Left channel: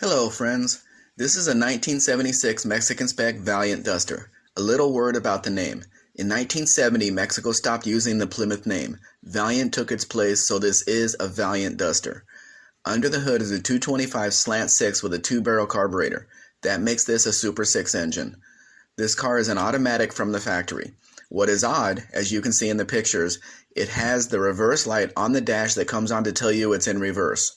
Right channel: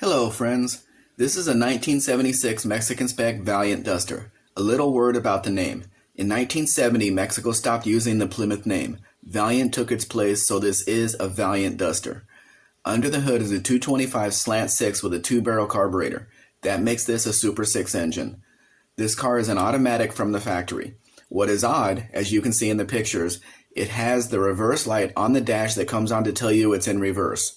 Hello friends, this is a 1976 Mexican Spec Valiant Duster. A little word about the name. In 1970, Mexico stopped using the Plymouth name. Valiant took its place, so this is a Valiant Duster. Under the hood is a 225 slant 6 with a 2-barrel carburetor. That makes this a Super 6 engine. This car is an automatic from the factory. What is odd, as you can see in the pictures, it has the reverse light on the dash that comes on to tell you it's in reverse.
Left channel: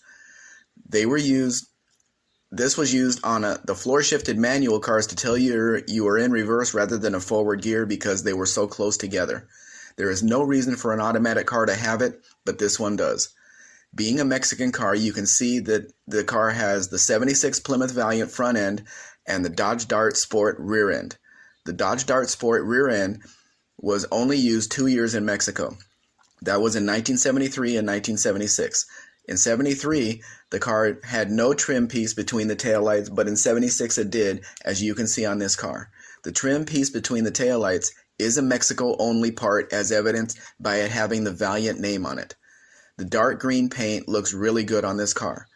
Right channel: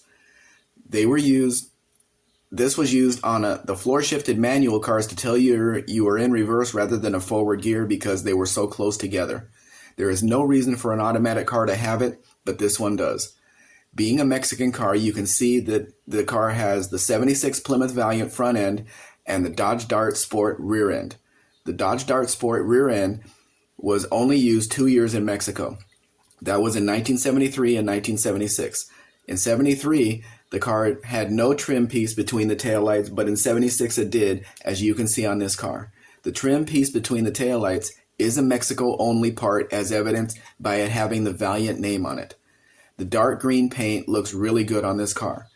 This was used on the floor-shifted manual cars to tell you you were in reverse rather than a forward gear because they were so close together. There is no reason for an automatic car to have it, but this one does. Being a Mexican car, you can see that the car has the 76 Plymouth Valiant front end and the Dodge Dart Sport rear end. The Dodge Dart Sport rear end was only used 2 years in Mexico. That was in 1973 and 1976. In 73, the car had no trim piece between the taillights, but in 76 it did, as you can see on this car. The trim piece between the taillights is a Mexico-only part, as evidenced by it having the Valiant name on it. The dark green paint looks really good on this car.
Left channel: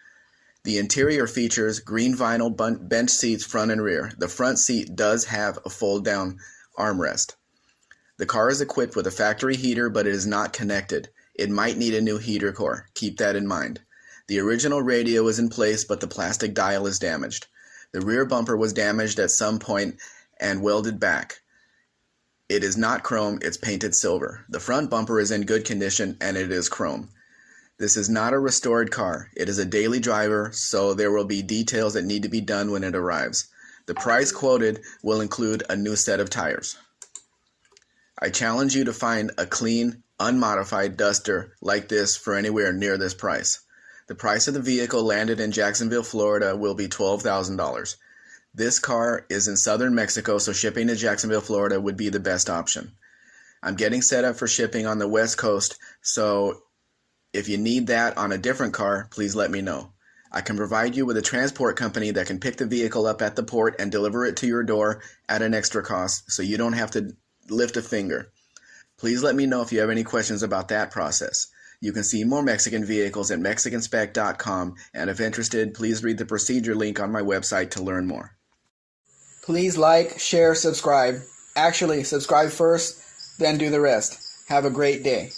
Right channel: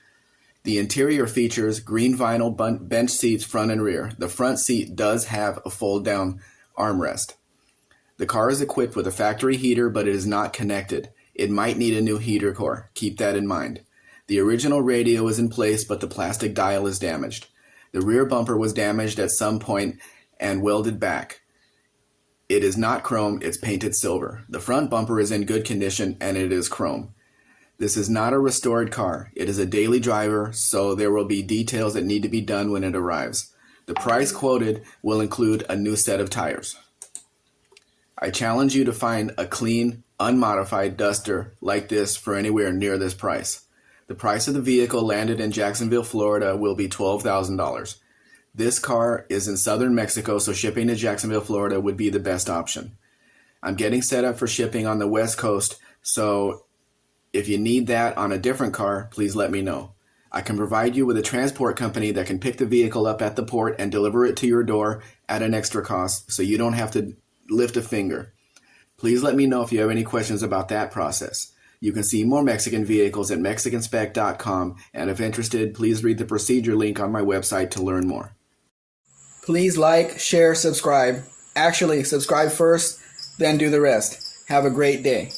The interior features green vinyl bench seats front and rear. The front seat does have a fold-down armrest. The car is equipped with a factory heater, but it is not connected. It might need a new heater core. Keep that in mind. The original radio is in place, but the plastic dial is damaged. The rear bumper was damaged at some point and welded back. It is not chrome, it's painted silver. The front bumper is in good condition and it is chrome. This is not a restored car. It is a daily driver, so there will be details that need to be done when it arrives. The price quoted will include a new set of tires. I challenge you to find a clean, unmodified Duster like this for anywhere near this price. The price of the vehicle landed in Jacksonville, Florida will be $12,000. This car is in southern Mexico, so shipping to Jacksonville, Florida would be the best option. I'm getting set up for shipping on the West Coast, so if you need that on a different car, please let me know. I can provide you with a transport company that can pick the vehicle up at the port and deliver it to your door at an extra cost, so you don't have to lift a finger. Please let me know if you have any questions about that process. You can see more Mexican vehicles at mexicanspec.com, and if interested, please read the procedure link on my website to learn more. Please like, share, subscribe. Actually, subscribe first, then do the rest. Have a great day.